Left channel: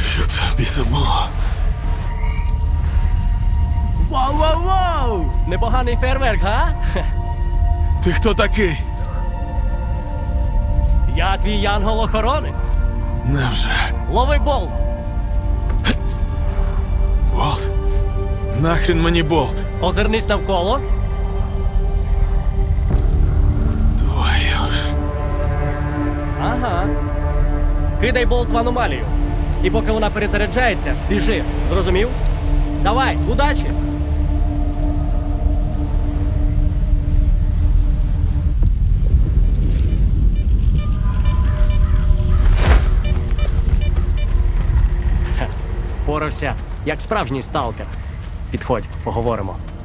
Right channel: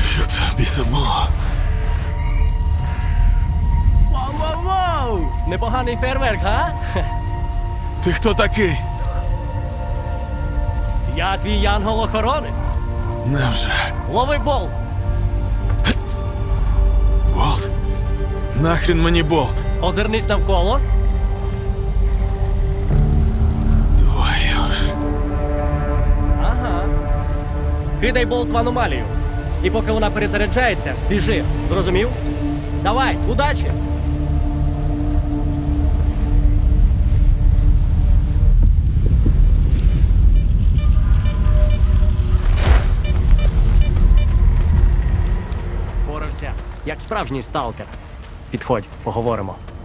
Що це біса було? Вау-вау-вау! Непоганий фейерверк, га? Ти хто такий? Я твій янгол-охоронець. Невже? Лови бол! Нахрін мені болт? Озирнись навколо. Твою ж. Ага. Кидай болт в аномалію. І поки вона перезаряджається, біжи. Зрозумів? Давай, удачі! Хе, Впорався, як справжній сталкер. Підходь, поговоримо.